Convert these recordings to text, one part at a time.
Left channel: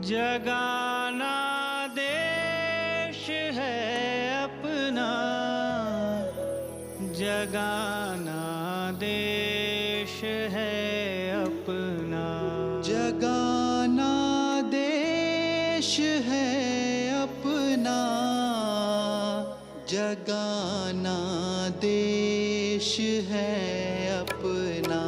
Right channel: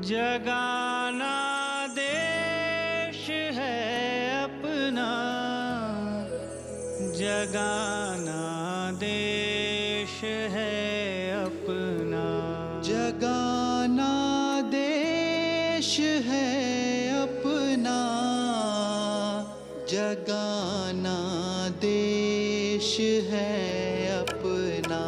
जगाना देश है अपना, जगाना देश है अपना, जगाना देश है अपना, जगाना देश है अपना।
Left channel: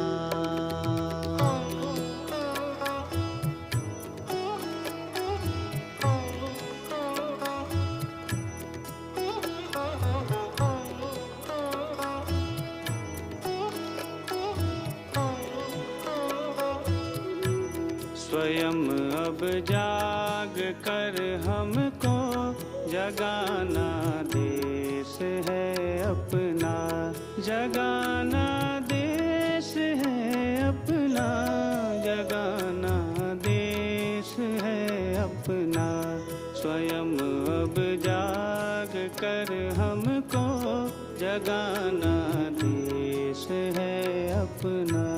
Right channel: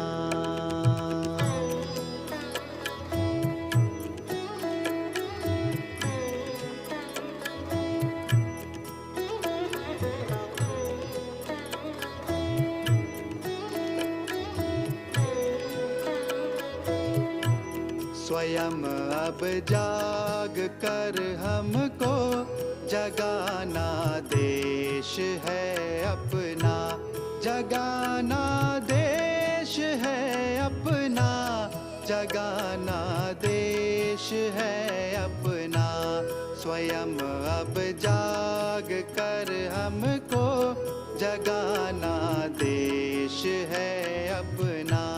स्वयं अब जाग कर हमको जगाना देश है अपना, जगाना देश है अपना, जगाना देश है अपना। स्वयं अब जाग कर हमको जगाना देश है अपना।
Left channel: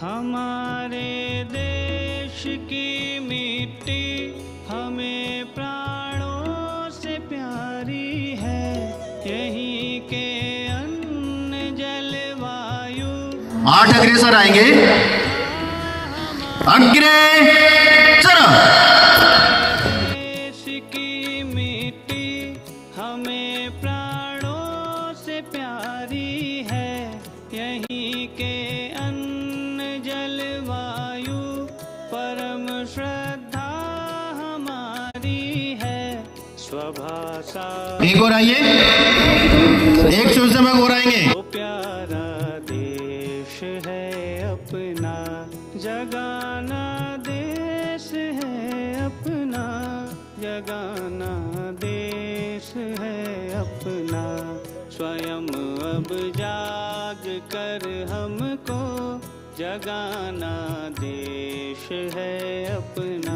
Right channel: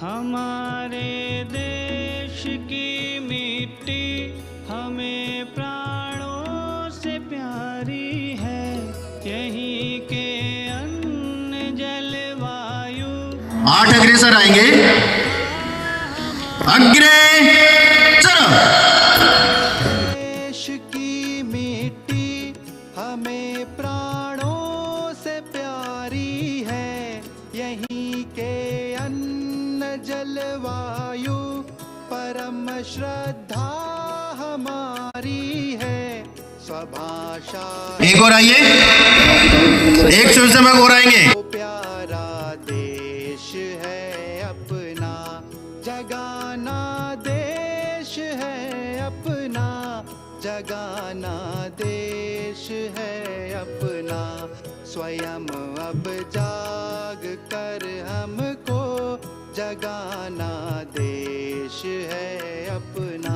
हमारे देश की मिट्टी हमें प्राणों से प्यारी है, यहीं के अन्न जलवायु। 8 अग्रेसर आएंगे, अग्रेसर। देश की मिट्टी हमें प्राणों से प्यारी है, यहीं के जलवायु परम श्रद्धा हमारी है। स्वभाषा एक और आइए, एक स्वयंसेवक और आएंगे। प्यारा देश है अपना, जगाना देश है अपना, जगाना देश है अपना। स्वयं अब जाग कर हमको जगाना देश है अपना।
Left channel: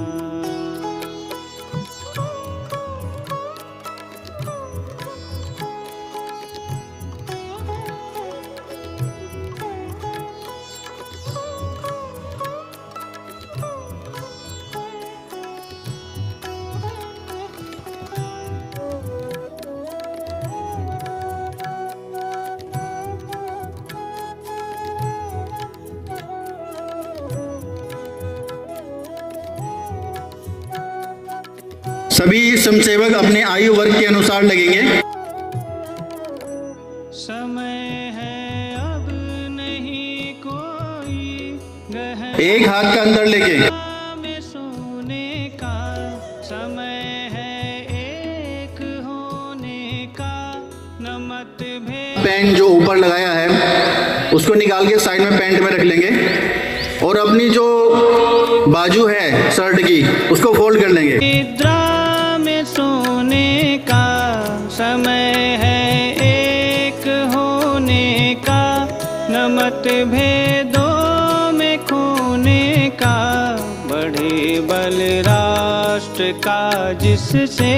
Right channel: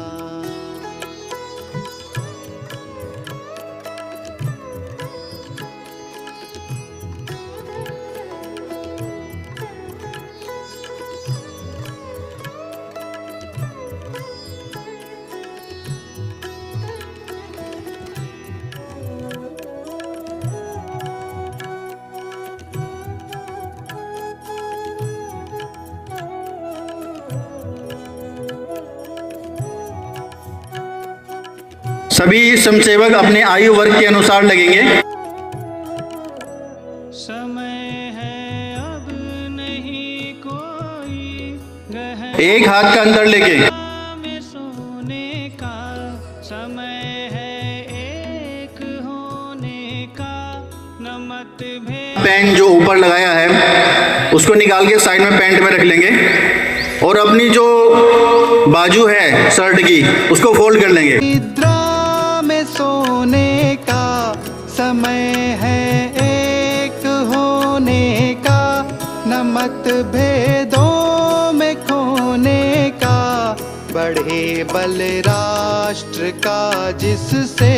सभी स्वयंसेवक अपने आयु वर्ग के अनुसार लगेंगे। समय है अब नहीं कोई गहन एक हाथ का अंदर लेके में सोने का, समय है एक होने का, न मतभेद। पैंट जो ऊपर लगाया है उसको निकाल के साइड में पैंट में रख लेंगे और अपनी जो बाजू है शर्ट की उसको फोल्ड कर लेंगे। समय है एक होने का, न मतभेदों में खोने का, बड़े बल राष्ट्र का जिससे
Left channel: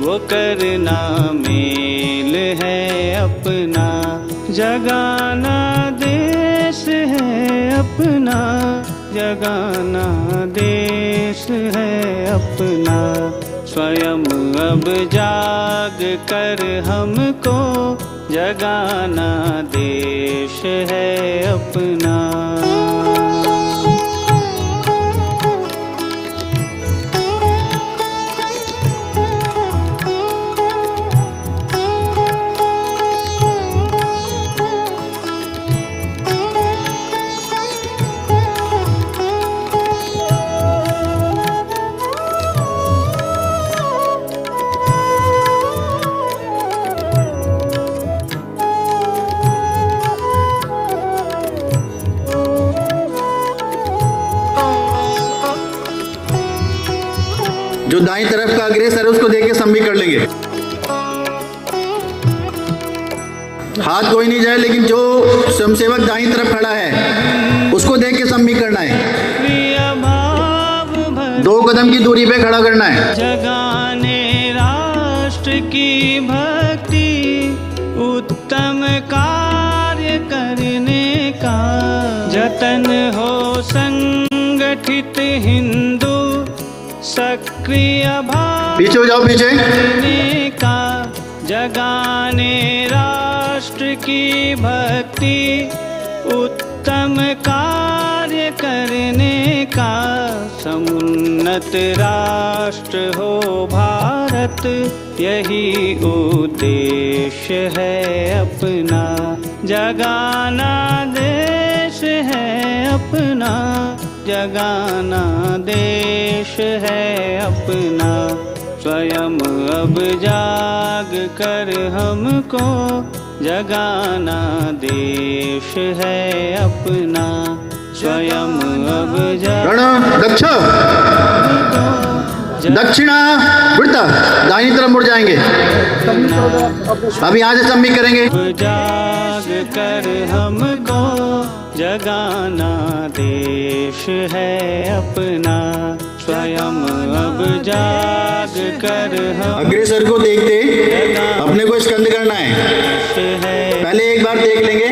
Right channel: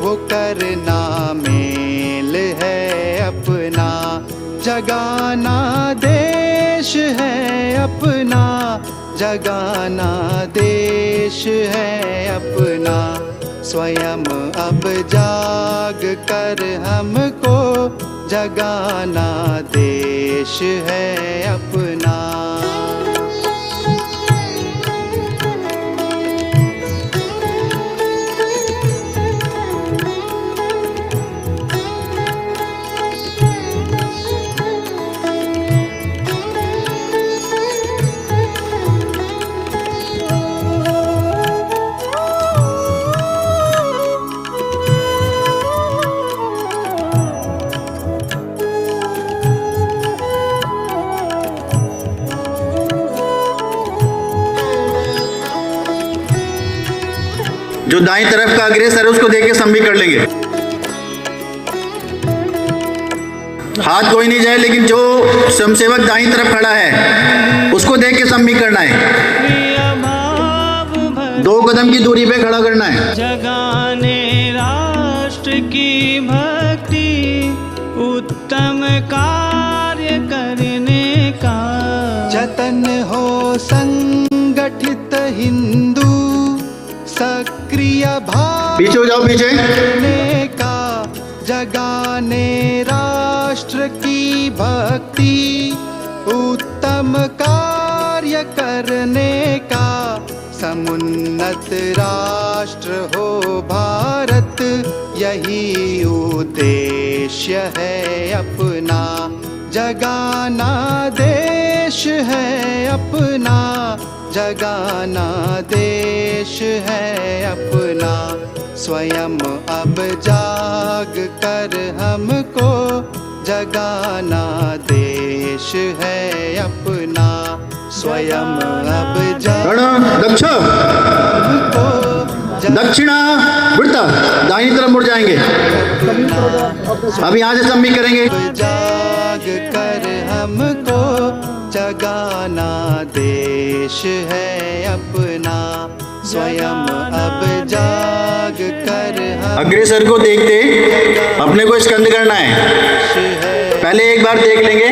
वो करना मेल है अपना, जगाना देश है अपना, जगाना देश है अपना। स्वयं अब जाग कर हमको जगाना देश है अपना। जो दाईं तरफ का अग्रेसर है उसको देख के सम्मी कर लेंगे। हाथ कोई नहीं जाए, लेकिन जो स्वयंसेवक दाईं तरफ खड़ा है उसको देख के सम्मी करना है। 2 कदम की दूरी पे खड़ा करना है। जगाने राष्ट्र की भक्ति, उत्तम कार्य करने का जतन हो संगठित हिंदू, सक्रिय भाव पीछे हो जाओ, पीछे का जगाने राष्ट्र की भक्ति, उत्तम कार्य करने का समुन्नत राष्ट्र हो भारत, यही उद्देश्य है अपना। जगाना देश है अपना, जगाना देश है अपना। स्वयं अब जाग कर हमको जगाना देश है अपना। स्वयं अब रण दक्ष दक्षिणा वृत्त, दाहिनी तरफ मुड़ जाएंगे। अब यहाँ से सम्मी करेंगे। जाग कर हमको जगाना देश है अपना। स्वयं अब जाग कर अग्रेसर को देखते अपने को स्कंद करना है। पहले एक बार देख लेंगे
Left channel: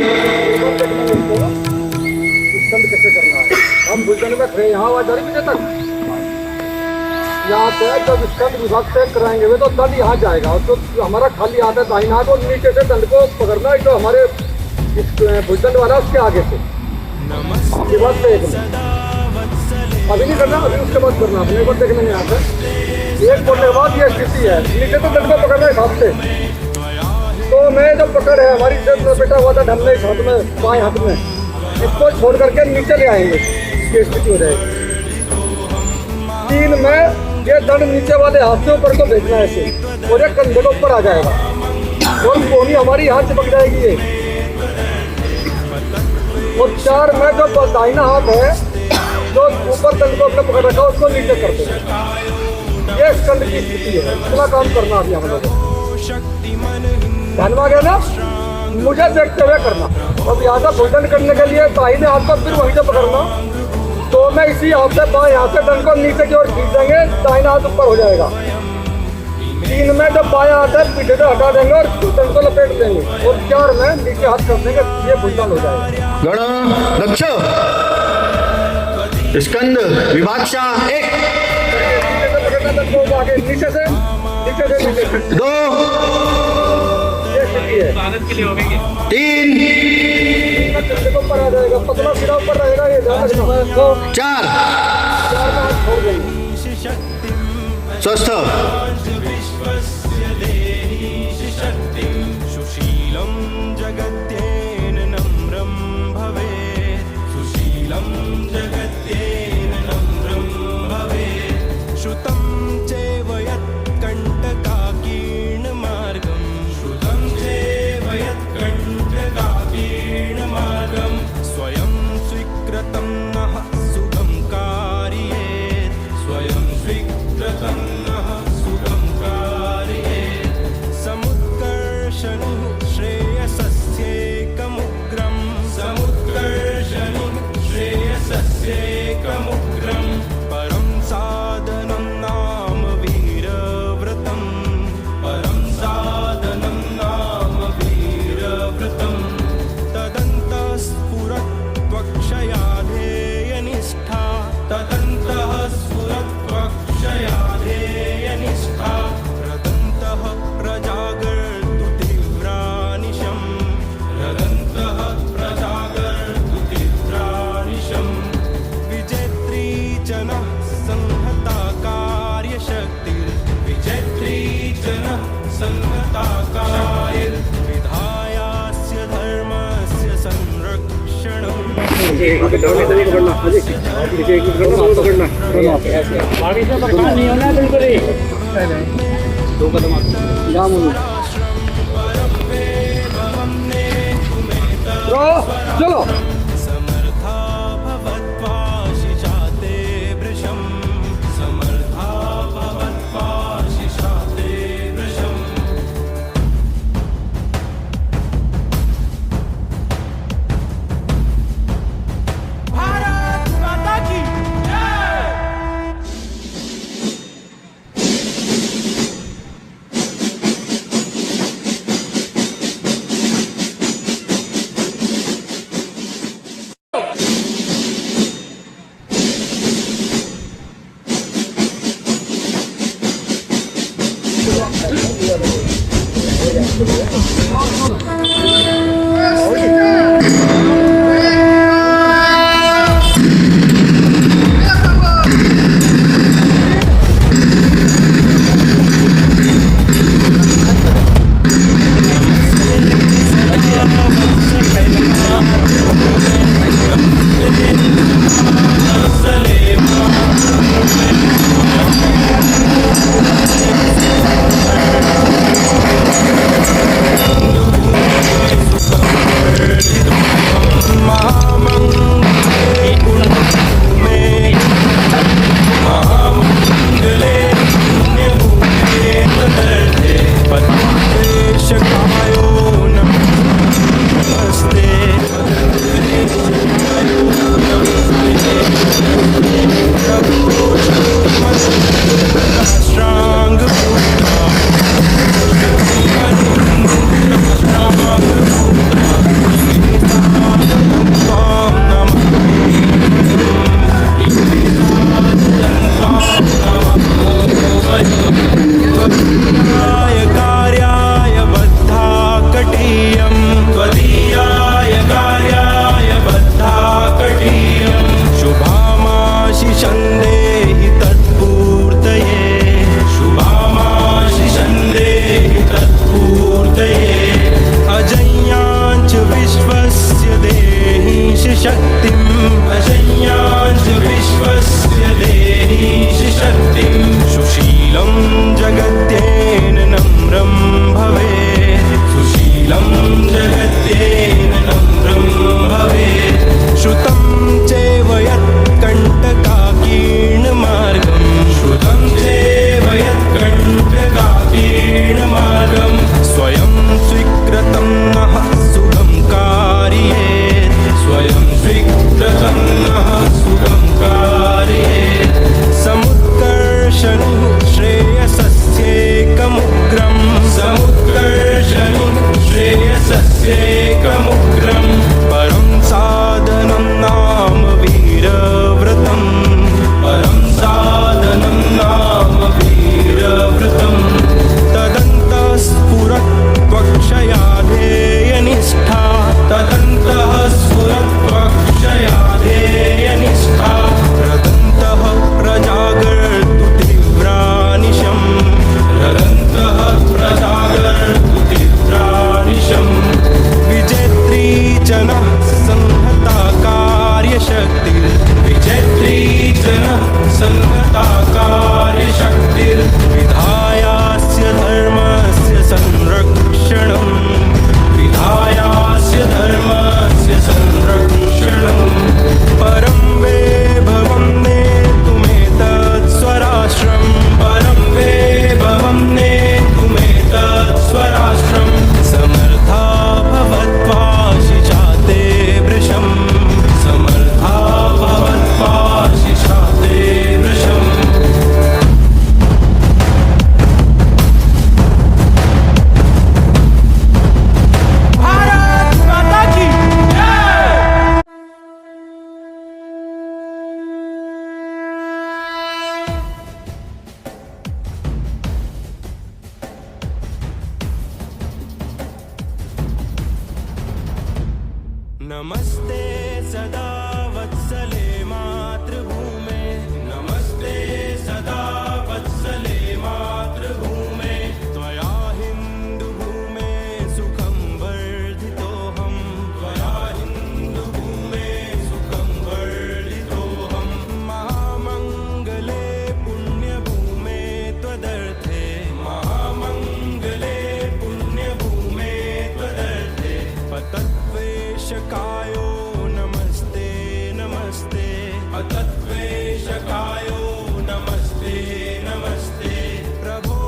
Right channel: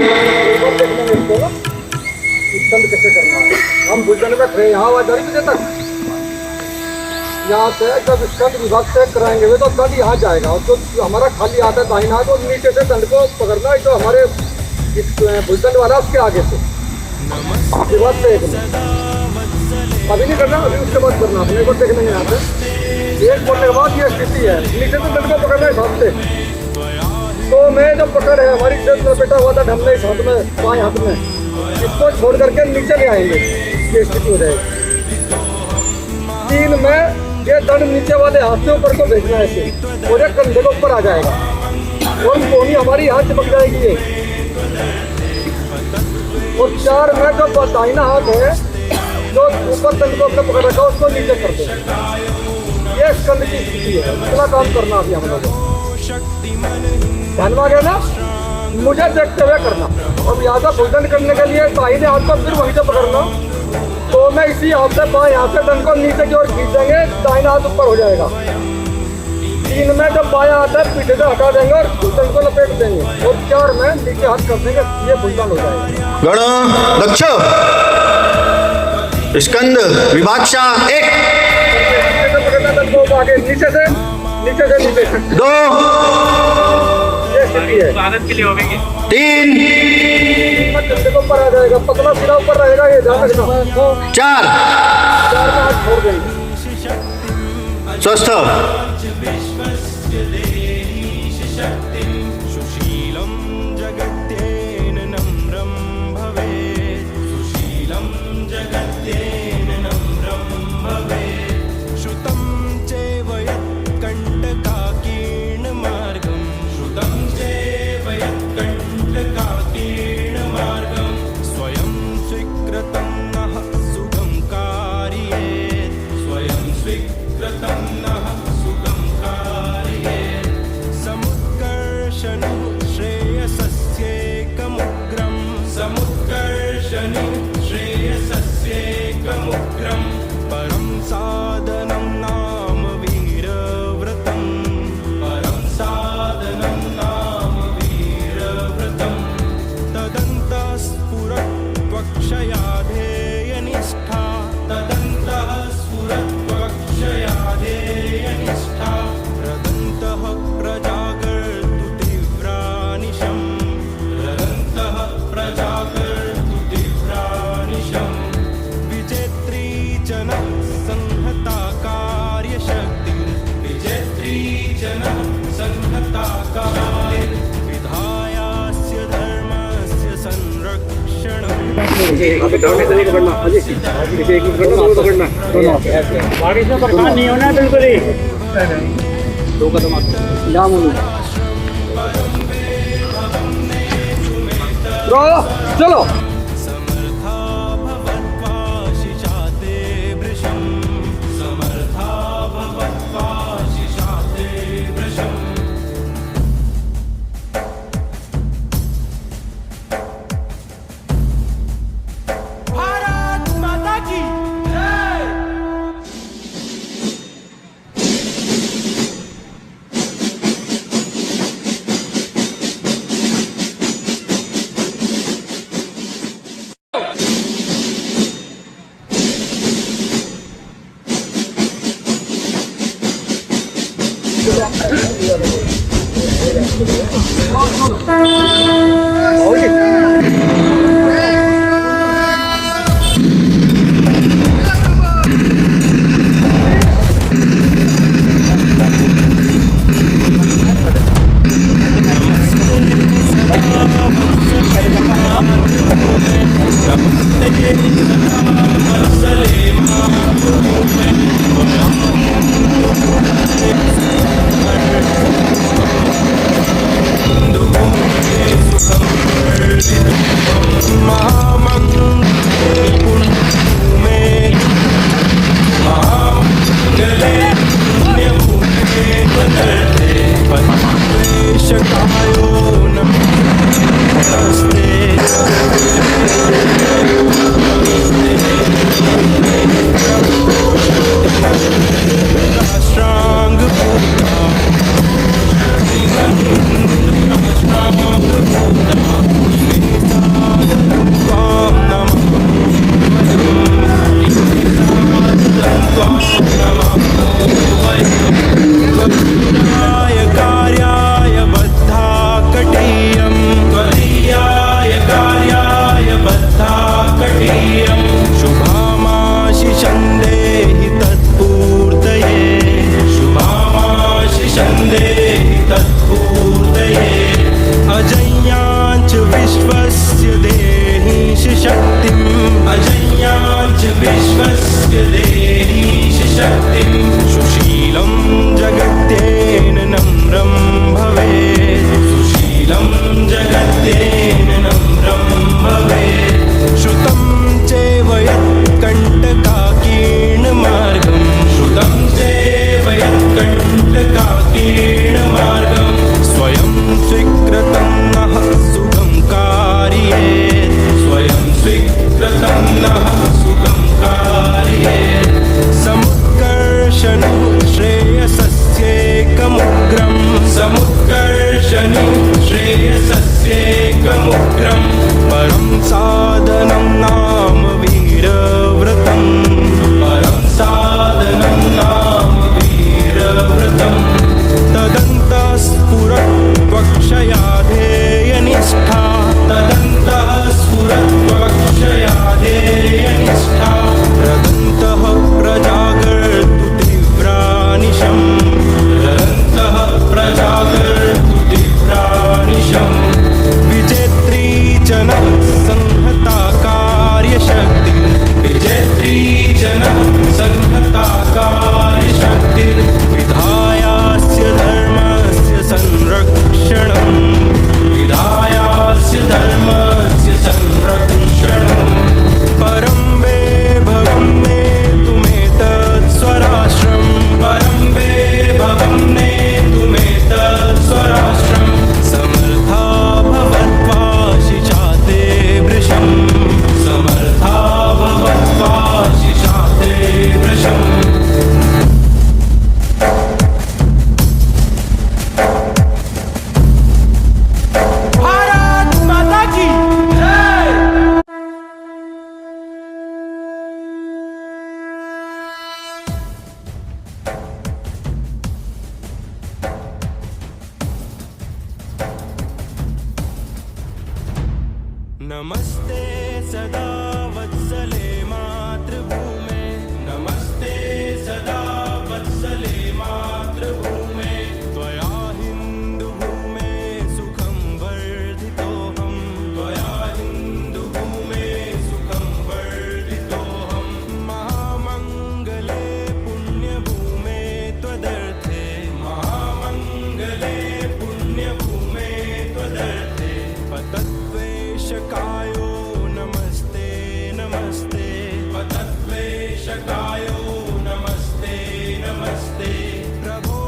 स्कंद कैसे करना है। हम भुजबल में थे यहाँ आवाज बजे तक यहाँ से जब स्कंद विभाग तय कराएंगे वे तो दंड यहाँ जाएगा, और जो हमारा खाली हाथ है दाहिना हाथ, और नीचे से दंड को पकड़ना है जो हमारे इस भुजदंड वाला उसके आगे से। उसके बाद देखना, अभी नहीं करना, अभी उसके बाद करना। अपने को देखने यहाँ से एक बोलने के बाद ये स्थिति है, नीचे से दंड को पकड़ना है हाथ से। तो मैं जब पकड़ है हमारी जेब में बैठा हुआ था ढमने इस हाथ में, बाएं हाथ में, इसको छोड़ करके नीचे ले आएंगे, ये स्थिति हो जाएगी। 3 में ये दंड नीचे वाले हाथ से ऊपर को भेजना है ऐसे, और एक कंधे के ऊपर आ जाएगा, और कोहनी हमारी हाथ चिपक जाएगी ये। और 4 में जो दाहिना हाथ है जो ऊपर दंड को अपने पकड़ रखा उसको नीचे कर देंगे। ये स्कंद की स्थिति है, इतना काम करना अभी हम लोगों को। ध्यान में आ गया ना, मुझे देखते हुए करना। अब यहाँ से भुजदंड करने के लिए दाहिने हाथ को फिर वहीं से पकड़ना, तो मैं इसी हाथ से बाएं हाथ से दंड को नीचे की ओर खींच देंगे, दाहिना हाथ ऊपर हो जाएगा। 3 में जब बायां हाथ है पीछे से हटा देंगे और दंड को लपेट देंगे, और 4 में नीचे हाथ कर देंगे, ये भुजदंड हो जाएगा। गण दक्ष स्कंद विभाक्षा 1 नीचे से पकड़ना दंड को आगे, नीचे से नीचे 2 ये स्थिति है। 3 कंधे को ऊपर आ जाएगा, पतला सिरा ऊपर रहेगा, ये ध्यान रखना। 4 4 में हाथ छोड़ देंगे। स्वस्थ। सुशीलं जगत्येन नम्रं भवेत्, सुशीलं जगत्येन नम्रं भवेत्, श्रुतं चैव यत्कण्टकाकीर्णमार्गं, श्रुतं चैव यत्कण्टकाकीर्णमार्गं, स्वयं स्वीकृतं नः सुगं कारयेत्, स्वयं स्वीकृतं नः सुगं कारयेत्, समुत्कर्षणुः श्रेयसस्येकमुग्रं, समुत्कर्षणुः श्रेयसस्येकमुग्रं, परं साधनं नाम वीरव्रतं, परं साधनं नाम वीरव्रतं, तदन्तः स्फुरत्वक्षयाधेयनिष्ठा, तदन्तः स्फुरत्वक्षयाधेयनिष्ठा, रदन्तः प्रजागर्तु तीव्रानिशं, रदन्तः प्रजागर्तु तीव्रानिशं, विजेत्री जनः संहता कार्यशक्तिर्, विजेत्री जनः संहता कार्य, विधायास्य धर्मस्य संरक्षणम्। आगे डाउन नहीं पकड़ना, आगे पीछे एक पकड़ना, दो पकड़ना, ऐसे आगे से पकड़ना नहीं होना है बिल्कुल ही। 2 कदम आगे चलो। समर्था भवत्वा शिशाते वृषं, समर्था भवत्वा वेशकायो नमस्ते राष्ट्रांग पूता त्वां त्वदीयाय कार्याय बद्धाकटीयं शुभामाशिषं देहि तत्पूर्तये अजय्याञ्च विश्वस्य देहीश शक्तिम् सुशीलं जगत्येन नम्रं भवेत् श्रुतं चैव यत्कण्टकाकीर्णमार्गम् स्वयं स्वीकृतं नः सुगं कारयेत् समुत्कर्षणुः श्रेयसस्येकमुग्रम् परं साधनं नाम वीरव्रतम् तदन्तः स्फुरत्वक्षयाधेयनिष्ठा रदन्तः प्रजागर्तु तीव्रानिशम् विजेत्री च नः संहता कार्यशक्तिर्विधायास्य धर्मस्य संरक्षणम् परं वैभवं नेतुमेतत् स्वराष्ट्रम् समर्था भवत्वाशि चाते वृषम् भारत माता की नमस्ते सदा वत्सले मातृभूमे त्वया हिन्दुभूमे सुखं वर्धितोऽहम् महामङ्गले पुण्यभूमे त्वदर्थे पतत्वेशकायो नमस्ते नमस्ते प्रभो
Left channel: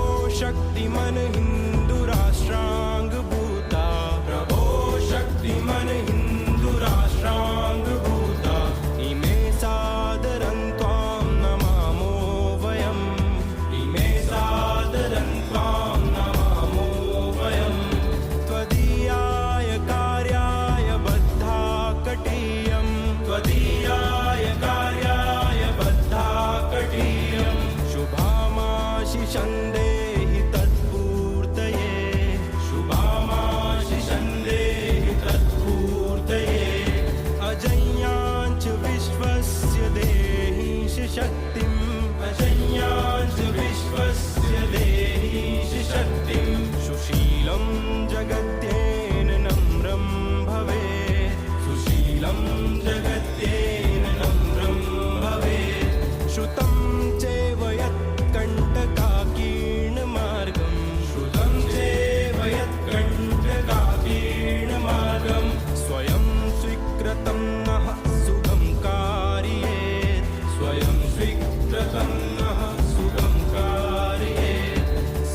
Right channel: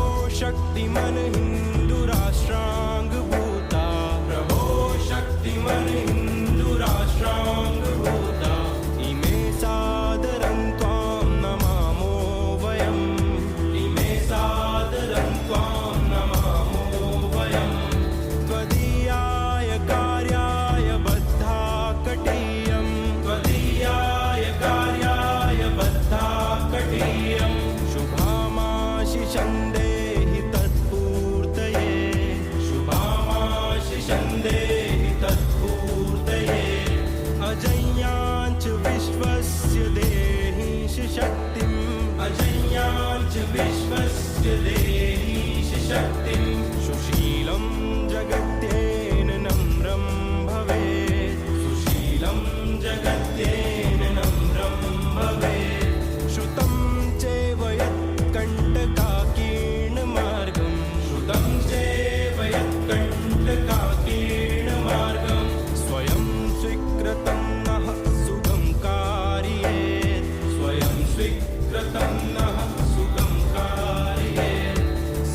शक्तिमन हिन्दु राष्ट्रांग भूता इमे सादरं त्वां नमामो वयम् त्वदीयाय कार्याय बद्धाकटीयम् शुभामाशिषं देहि तत्पूर्तये देहीश शक्तिम् अजय्याच विश्वस्य देहीश शक्तिम् सुशीलं जगत्येन नम्रं भवेत् सुशीलं जगत्येन नम्रं भवेत् श्रुतं चैव यत्कण्टकाकीर्णमार्गम् श्रुतं चैव यत्कण्टकाकीर्णमार्गम् स्वयं स्वीकृतं नः सुगं कारयेत् स्वयं स्वीकृतं नः सुगं कारयेत्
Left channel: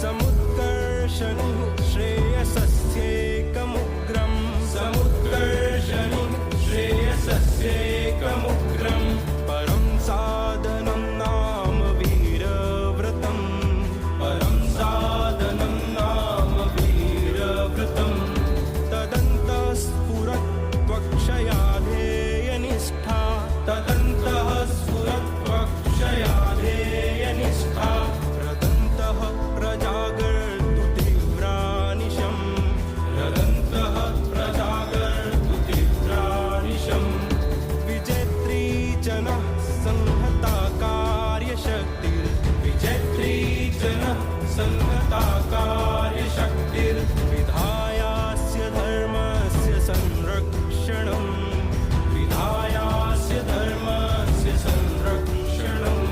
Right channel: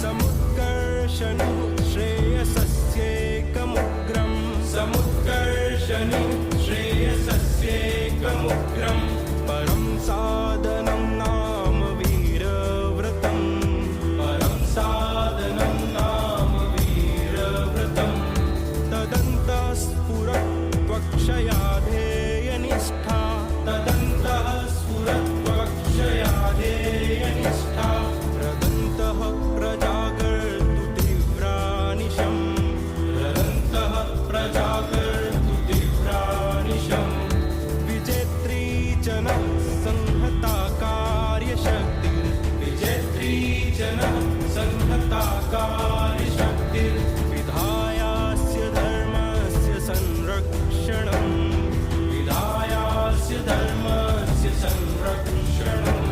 समुत्कर्षणुः श्रेयसस्येकमुग्रम् समुत्कर्षणुः श्रेयसस्येकमुग्रम् परं साधनं नाम वीरव्रतम् परं साधनं नाम वीरव्रतम् तदन्तः स्फुरत्वक्षयाधेयनिष्ठा तदन्तः स्फुरत्वक्षयाधेयनिष्ठा रदन्तः प्रजागर्तु तीव्रानिशम् रदन्तः प्रजागर्तु तीव्रानिशम् विजेत्री जनः संहता कार्यशक्तिर् विजेत्री जनः संहता कार्यशक्तिर् विधायास्य धर्मस्य संरक्षणम् विधायास्य धर्मस्य संरक्षणम्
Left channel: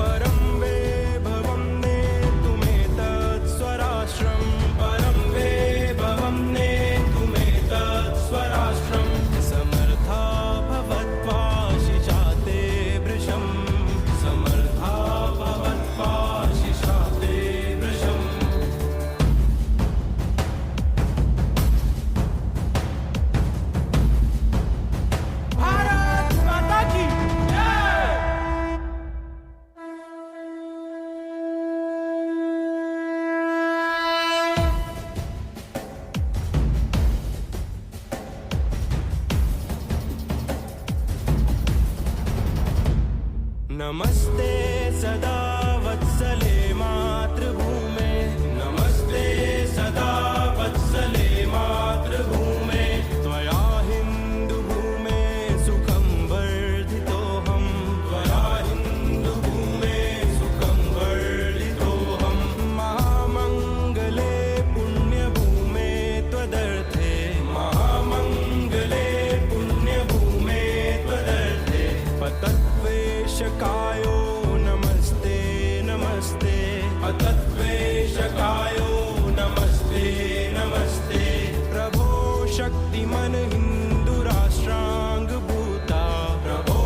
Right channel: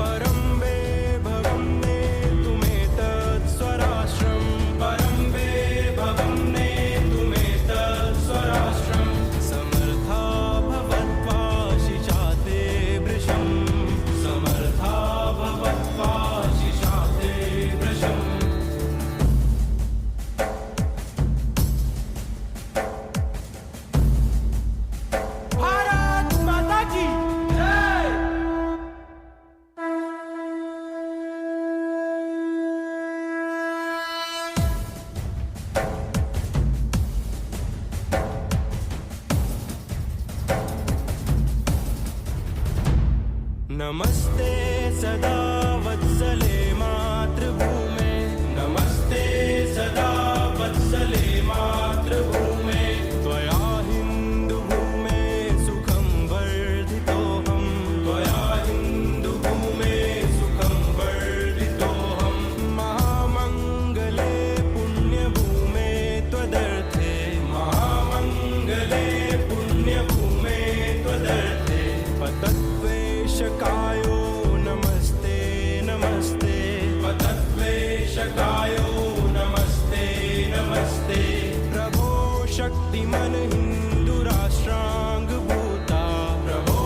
परं वैभवं नेतुमेतत् स्वराष्ट्रम् परं वैभवं नेतुमेतत् स्वराष्ट्रम् समर्था भवत्वा शिशाते वृषम् समर्था भवत्वा शिशाते वृषम् भारत माता की नमस्ते सदा वत्सले मातृभूमे नमस्ते सदा वत्सले मातृभूमे त्वया हिन्दुभूमे सुखं वर्धितोऽहं त्वया हिन्दुभूमे सुखं वर्धितोऽहं महामङ्गले पुण्यभूमे त्वदर्थे महामङ्गले पुण्यभूमे त्वदर्थे पतत्वेषकायो नमस्ते नमस्ते पतत्वेषकायो नमस्ते नमस्ते प्रभो शक्तिमन हिन्दुराष्ट्राङ्गभूता प्रभो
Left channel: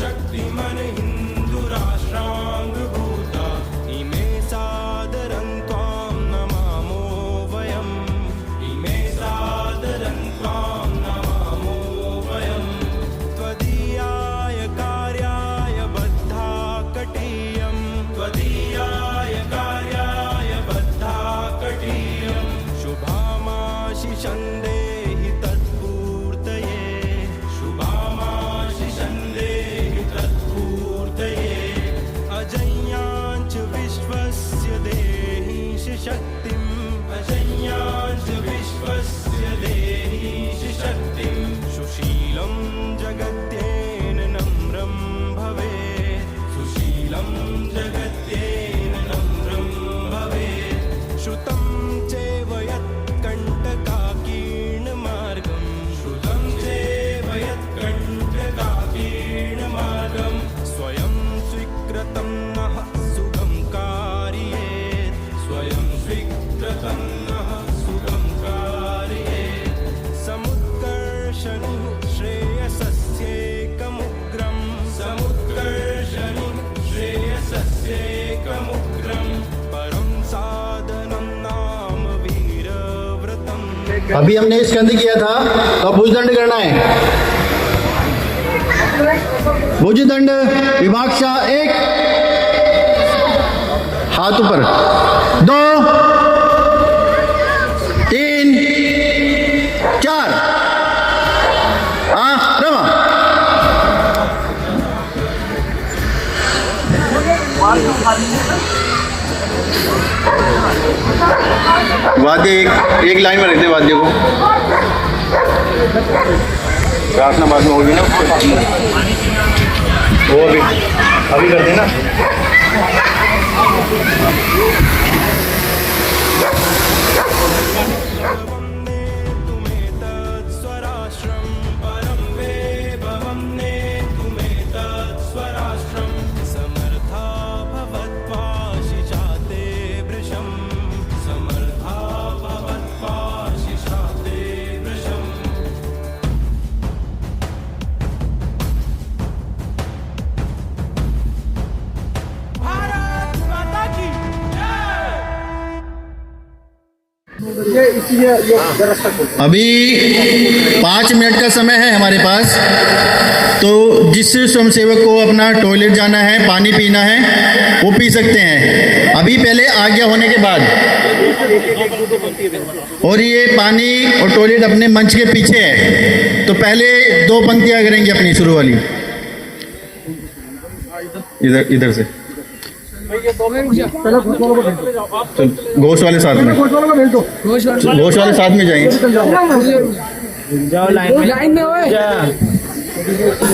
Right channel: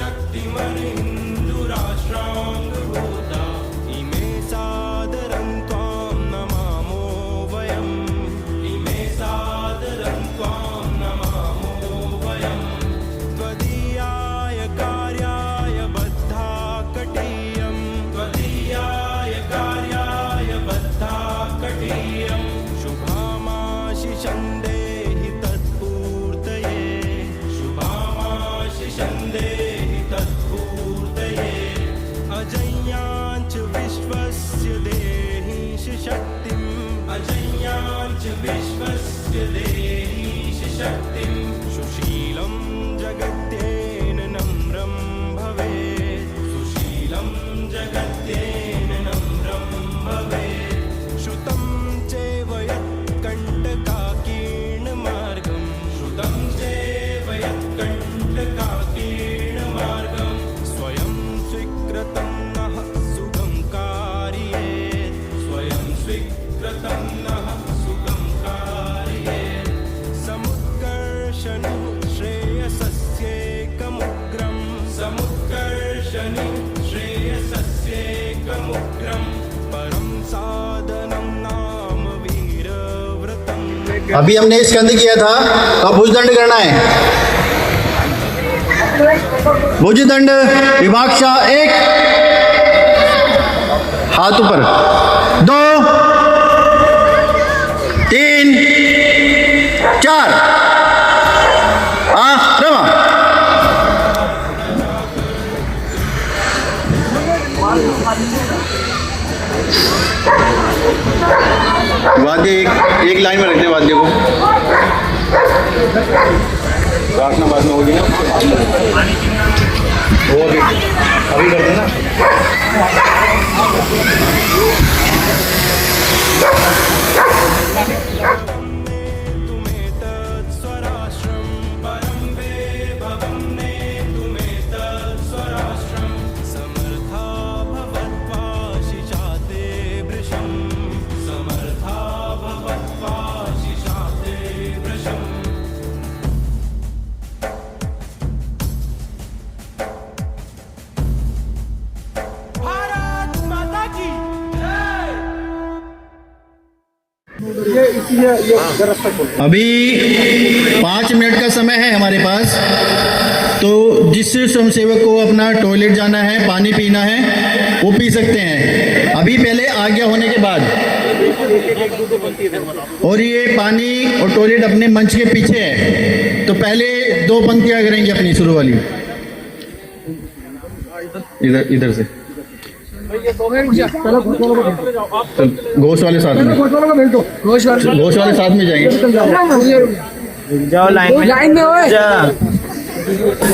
शक्तिमन हिन्दुराष्ट्राङ्गभूता इमे सादरं त्वां नमामो वयम् इमे सादरं त्वां नमामो वयम् त्वदीयाय कार्याय बद्धा कटीयम् त्वदीयाय कार्याय बद्धा कटीयम् शुभामाशिषं देहि तत्पूर्तये शुभामाशिषं देहि तत्पूर्तये अजय्याञ्च विश्वस्य देहीश शक्तिम् अजय्याञ्च विश्वस्य देहीश शक्तिम् सुशीलं जगत्येन नम्रं भवेत् सुशीलं जगत्येन नम्रं भवेत् श्रुतं चैव यत्कण्टकाकीर्णमार्गम् श्रुतं चैव यत्कण्टकाकीर्णमार्गम् स्वयं स्वीकृतं नः सुगं कारयेत् स्वयं स्वीकृतं नः सुगं कारयेत् समुत्कर्षणुः श्रेयसस्येकमुग्रम् समुत्कर्षणुः श्रेयसस्येकमुग्रम् परं साधनं नाम वीरव्रतम् अभी हमने स्कंद किया था, अब भुजदंड करना है। भुजदंड विभाक्षा 1, हाथ ऊपर, 2, 3, 4, रमा। वाद्य एक लाइन में रखते हैं वाद्य को। प्रार्थना बाद में होगी ना वो भी अभी कर देना। स्वराष्ट्रम परम वेभवन्ने तुमेतत् स्वराष्ट्रम समर्था भवत्वाशिषाते वृषं समर्था भवत्वाशिषाते वृषम् भारत माता की अभी 5 मिनट का समय है हमारे पास, तो जिस स्वयंसेवक को अपना टॉयलेट जाना है, पानी पीना है, वो पी सकते हैं अभी पहले आज्ञा होने के बाद। और ये पानी और टॉयलेट अपने मंच के पीछे है, तो पहले 2 पंक्तियां करेंगे अपनी शुरू वाली, इधर से घोष वाले साथ में, घोष वाले साथ में जाएंगे। लाइन में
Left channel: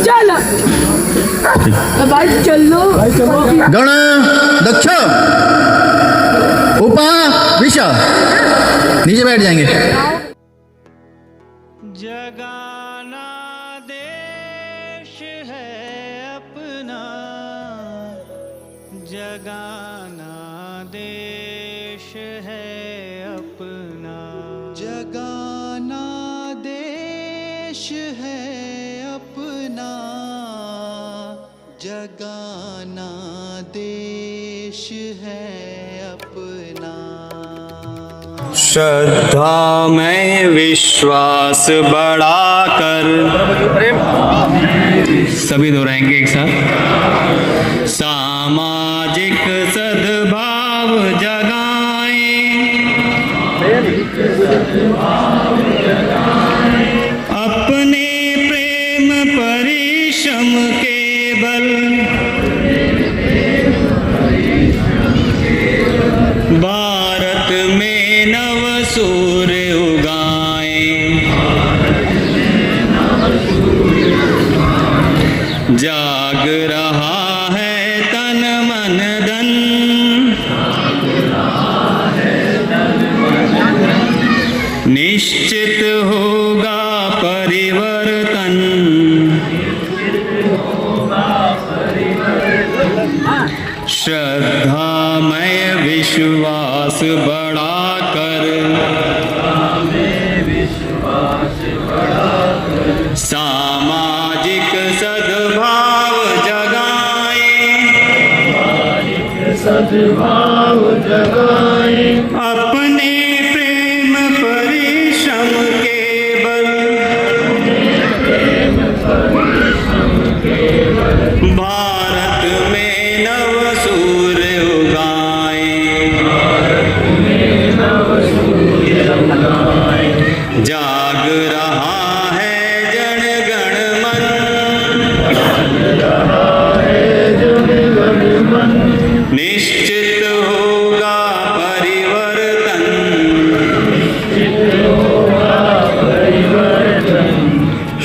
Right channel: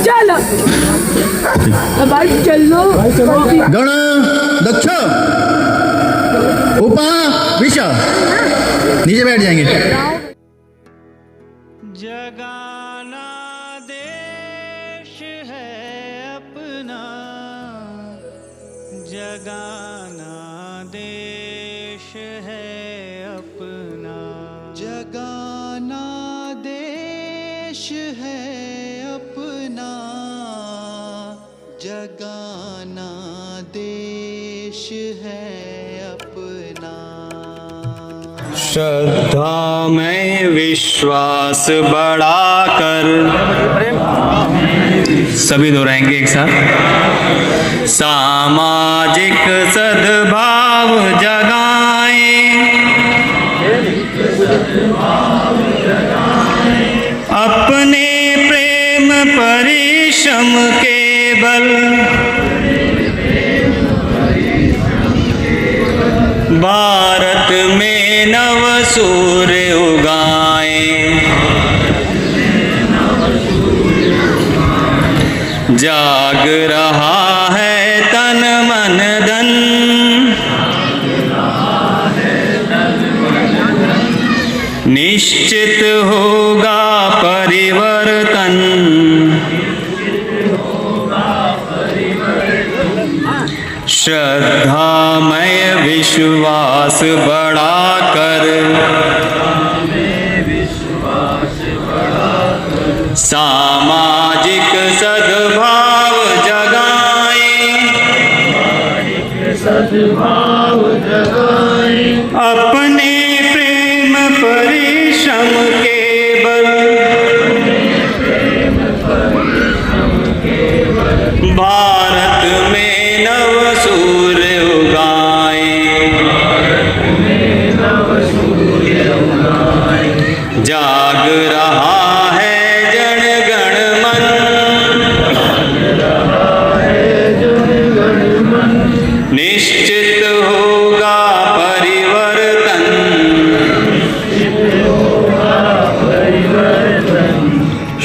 चलो भाई, चलो गण दक्ष उपा विशा, नीचे बैठ जाएंगे। जगाना देश है अपना, जगाना देश है अपना, जगाना देश है अपना, जगाना देश है अपना। श्रद्धा में विश्वास बढ़ाकर, सभी दोहराएंगे एक साथ। सामाजिक सद्भाव जगाएं, अपने प्रेम परिश्रम के बल, भारत में नव सूर्य उगाएं, जाग रहा है तन मन धन, निश्चित होगा परिवर्तन, श्रद्धामय विश्वास बढ़ाकर, सामाजिक सद्भाव जगाएं, अपने प्रेम परिश्रम के बल, भारत में नव सूर्य उगाएं, जाग रहा है जन गण मन, निश्चित होगा परिवर्तन,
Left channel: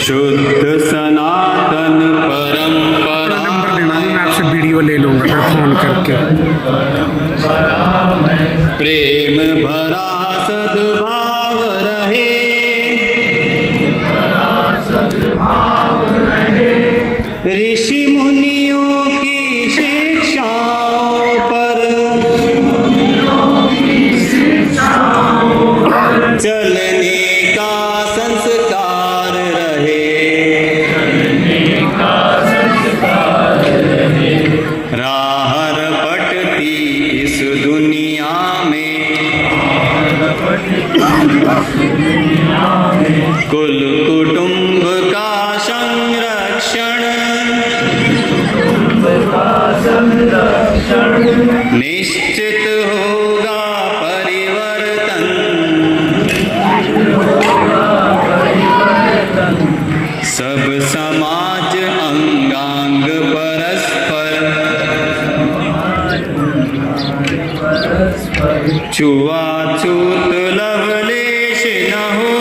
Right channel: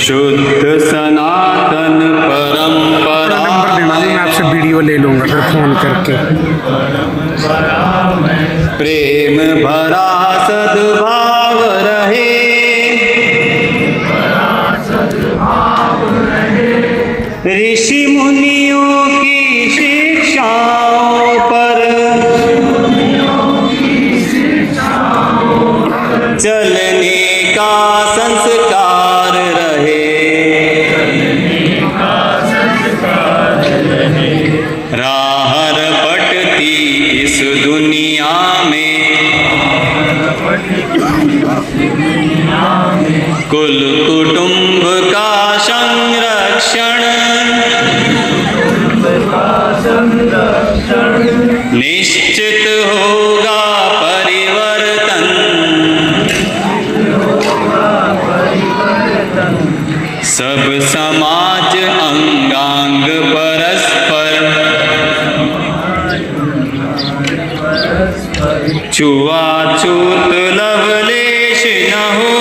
शुद्ध सनातन परंपरा। नंबर देना, मैं आपसे वीडियो ले लूंगा फिर फोन करके। प्रेम भरा सद्भाव रहे, ऋषि मुनियों की शिक्षाओं पर चलने का संस्कार रहे, राह रपटती इस दुनिया में, कुल कुटुंब का संरक्षण, निश्चित होगा परिवर्तन, सब समाज अंगांग परस्पर, छुआछूत लवलेश न हो,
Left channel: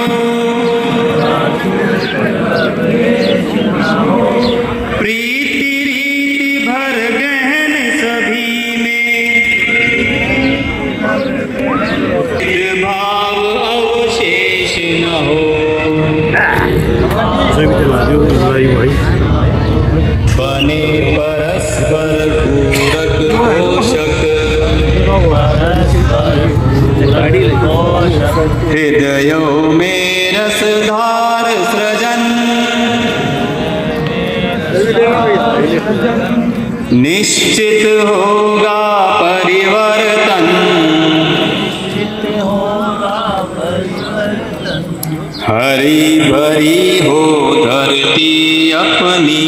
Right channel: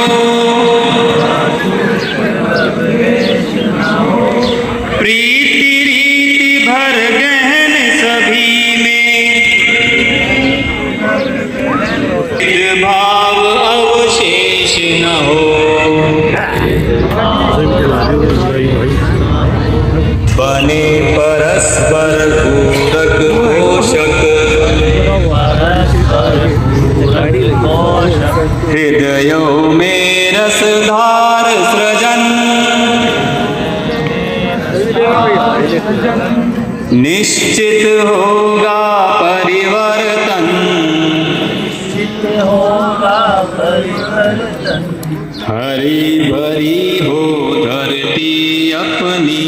हृदयों में रसधार सृजन निश्चित होगा परिवर्तन। हरी भरी हो धरती अपनी,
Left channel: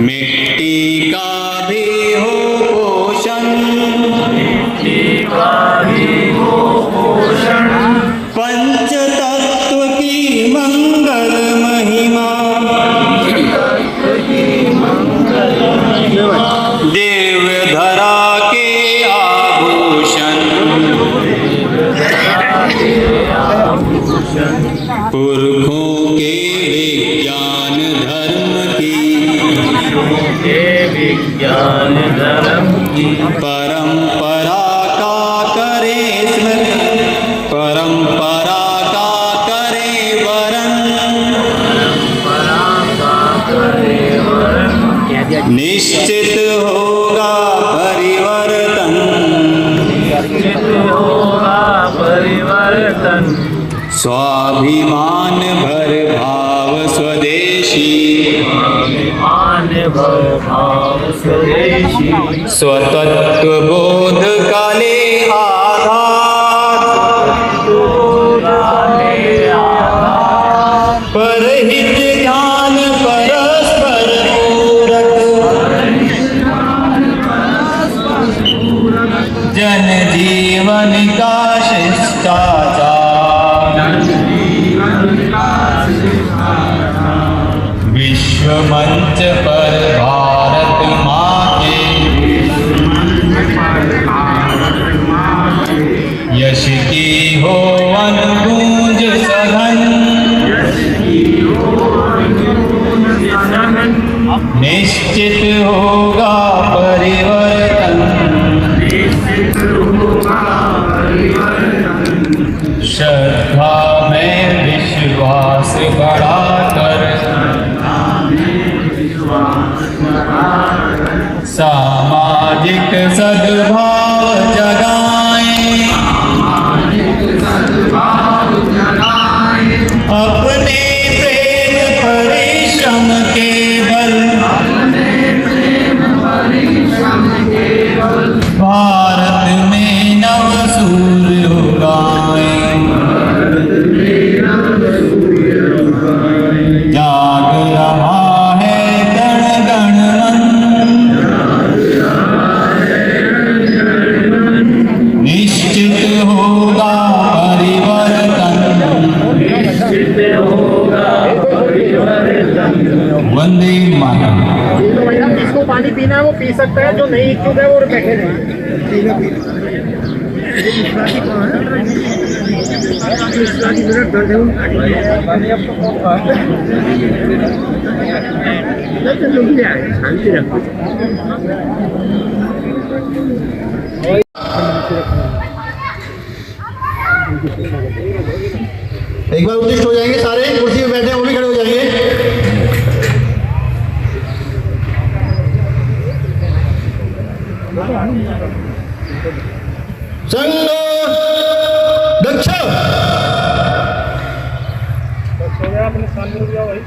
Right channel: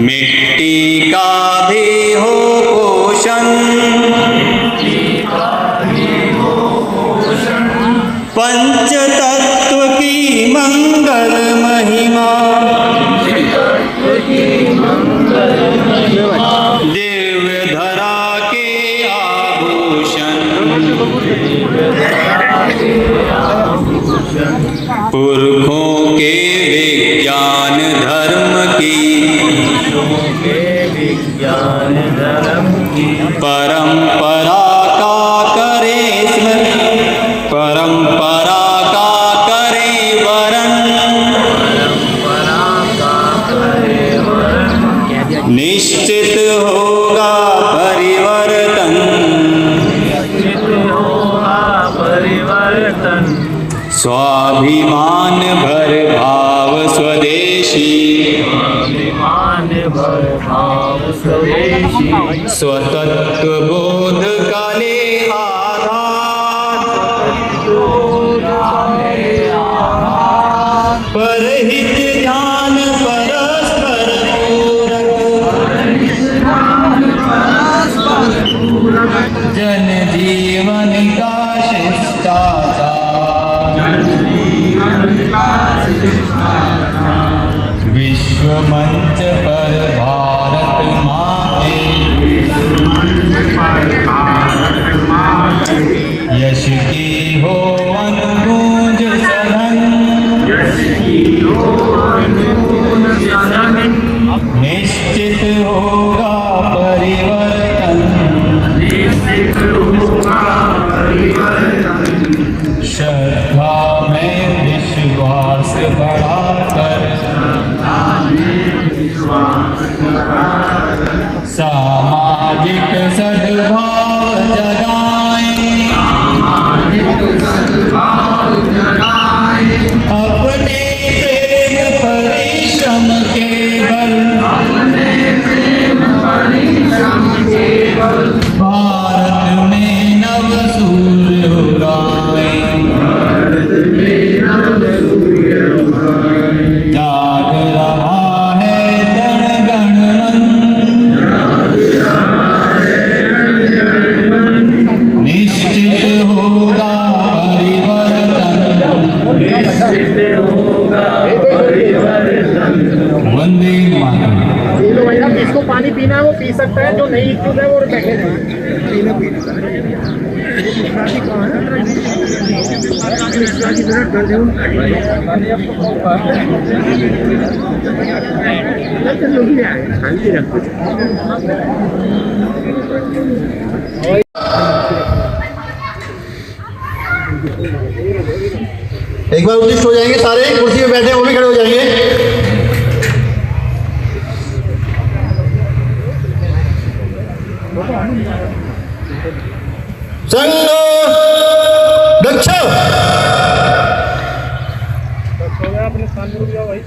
मिट्टी का भी हो पोषण, पंच तत्व की मंगल महिमा, देव धरा के आभूषण, पुरखों के विज्ञान धर्म की परंपरा का करे स्मरण, परंपरा का करे वरण, निश्चित होगा परिवर्तन। स्वाभिमान भर भाव स्वदेशी, स्वतत्व बोध काले आधार, परहित ज्ञान परस्पर पूरक, जन जीवन का शिष्टाचार, विश्व मंच पर भारत माँ के यश की हो अनुगूंज सघन, निश्चित होगा परिवर्तन। श्रद्धा में विश्वास बढ़ाकर, सामाजिक सद्भाव जगाएं, अपने प्रेम परिश्रम के बल, भारत में नव सूर्य उगाएं, जाग रहा है जन गण मन, निश्चित होगा परिवर्तन। वंदे मातरम। जिसको पानी पीना है वो पी सकता है, जो नहीं इच्छुक है वो बैठे रहें। एक बार उत्तिष्ठ हो जाएंगे सारे, कुर्सी पे बैठे वो भी खड़े हो जाएंगे। संघ दक्ष। अपने स्थान में रुक जाओ भाई।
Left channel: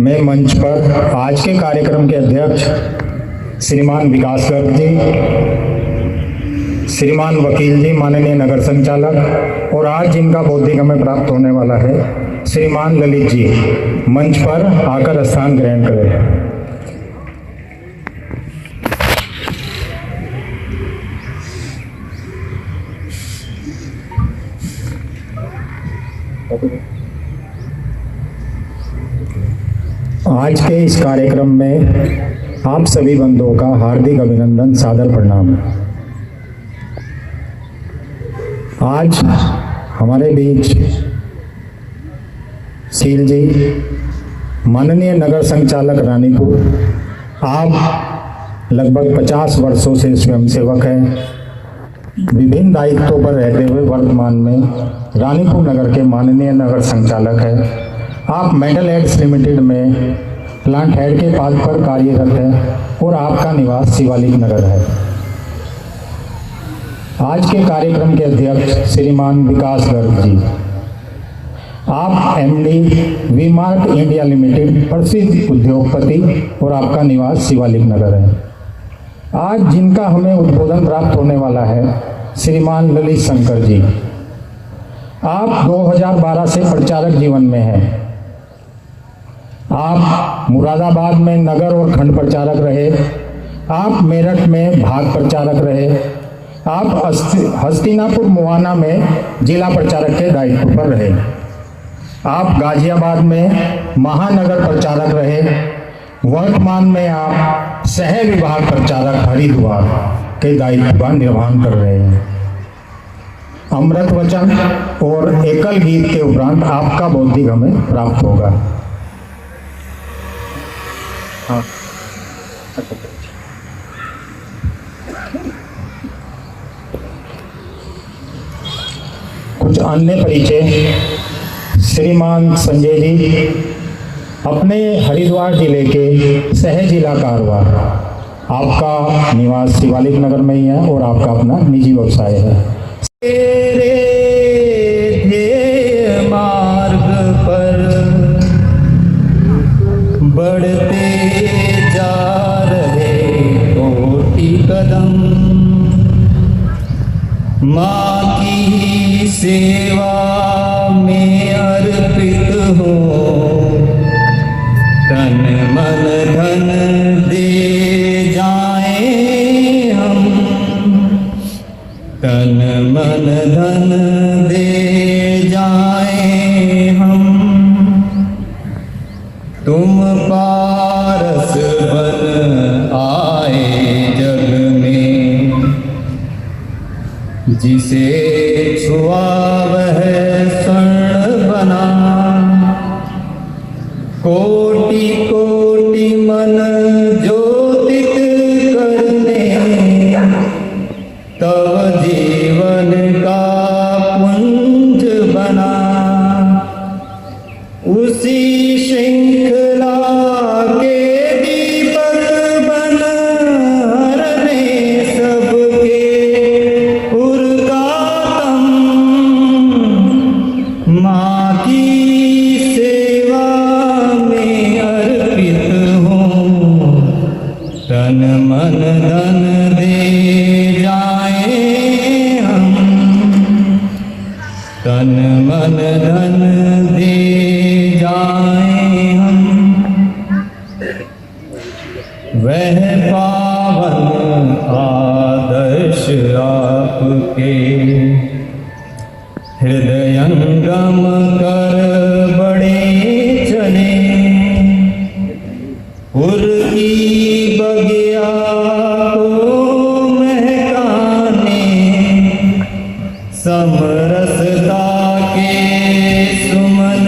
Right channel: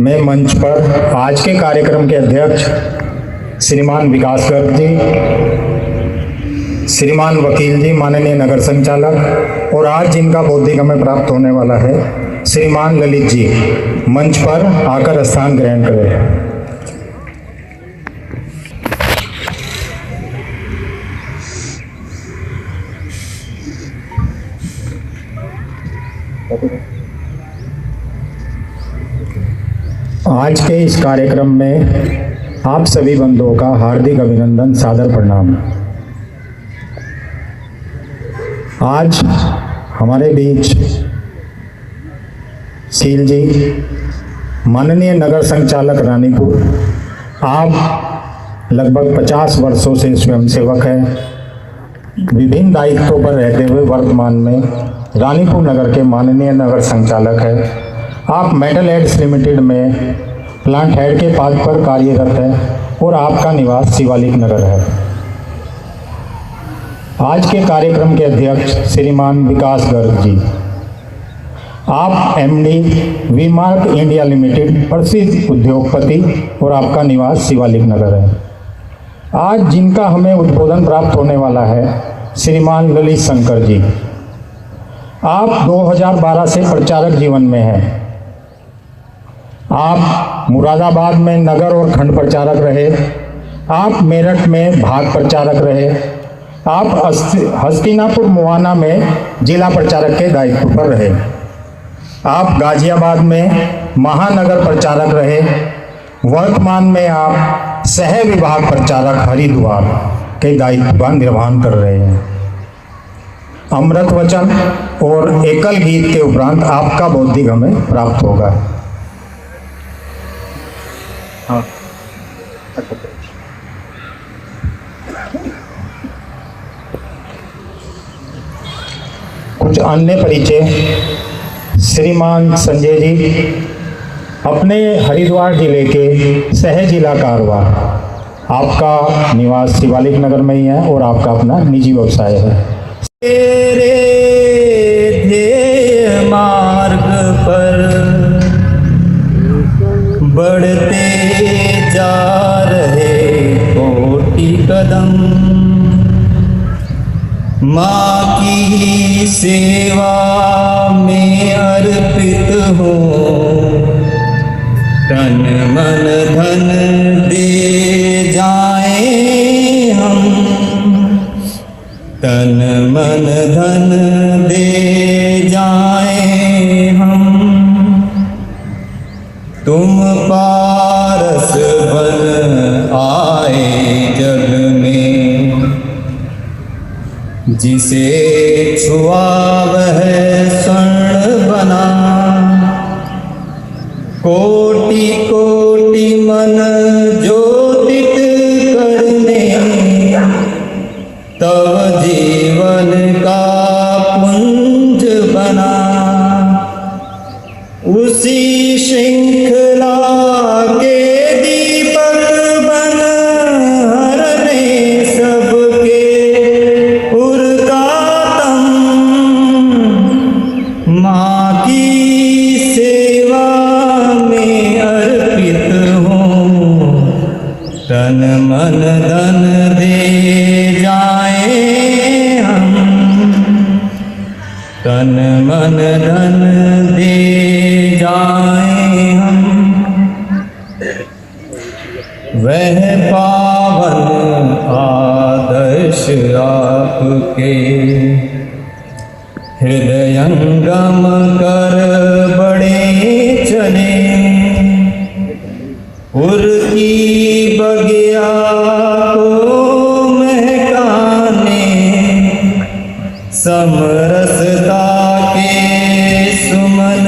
मैं मंच पर आज के कार्यक्रम के अध्यक्ष श्रीमान विकास गर्ग जी, श्रीमान वकील जी माननीय नगर संचालक, और आज जिनका बौद्धिक हमें प्राप्त होने वाला है श्रीमान ललित जी, मंच पर आकर स्थान ग्रहण करें। आज के इस कार्यक्रम में आप सभी बंधुओं का हार्दिक अभिनंदन, सादर प्रणाम। आज हमारे बीच सील जी, माननीय नगर संचालक रानीपुर, आप लगभग 50 वर्षों से स्वयंसेवक हैं। विभिन्न दायित्वों पर रहते हुए वर्तमान में रानीपुर नगर के माननीय नगर संचालक हैं। आप मेटल एड्स लिमिटेड में प्लांट हेड के पद पर कार्यरत हैं और आपका निवास शिवालिक नगर है। आज के कार्यक्रम के अध्यक्ष श्रीमान विकास गर्ग जी, आप एमडी वी-मार्क इंडिया लिमिटेड प्रसिद्ध उद्योगपति और आपका निवास शिवालिक नगर है। आज जिनका हमें उद्बोधन प्राप्त होने वाला है श्रीमान ललित शंकर जी, आप 2012 से प्रचारक जीवन में हैं। आप मुरादाबाद में नगर और खंड प्रचारक रहे, आप मेरठ में भाग प्रचारक रहे, आप हस्तिनापुर मुआना में जिला प्रचारक के दायित्व पर रहे, आप गाजियाबाद में महानगर प्रचारक रहे, वर्तमान में आप सह विभाग प्रचारक हरिद्वार के दायित्व का निर्वहन कर रहे हैं। अमृत वचन और एकल गीत के उपरांत आपका बौद्धिक हमें प्राप्त होगा। कुछ अन्य परिचय। श्रीमान संजय जी अपने हरिद्वार जिले के सह जिला कारवार, आपका निवास शिवालिक नगर में ही है और आपका अपना निजी व्यवसाय है। तेरे ध्येय मार्ग पर बढ़ते जा रहे कोटि कदम, माँ की सेवा में अर्पित हो, तन मन धन दे जाएं हम, तन मन धन दे जाएं हम, तुम पारस बन आए जग में, जिसे छुआ वह स्वर्ण बना, कोटि कोटि मन ज्योतित करने, तब जीवन का पुंज बना, उसी श्रृंखला के दीपक बन हरने सबके पुरकातम, माँ की सेवा में अर्पित हूँ, तन मन धन दे जाएं हम, तन मन धन दे जाएं हम, वह पावन आदर्श आपके हृदयंगम कर बड़े चले, उर्की बगिया को महकाने, समरसता के सुमन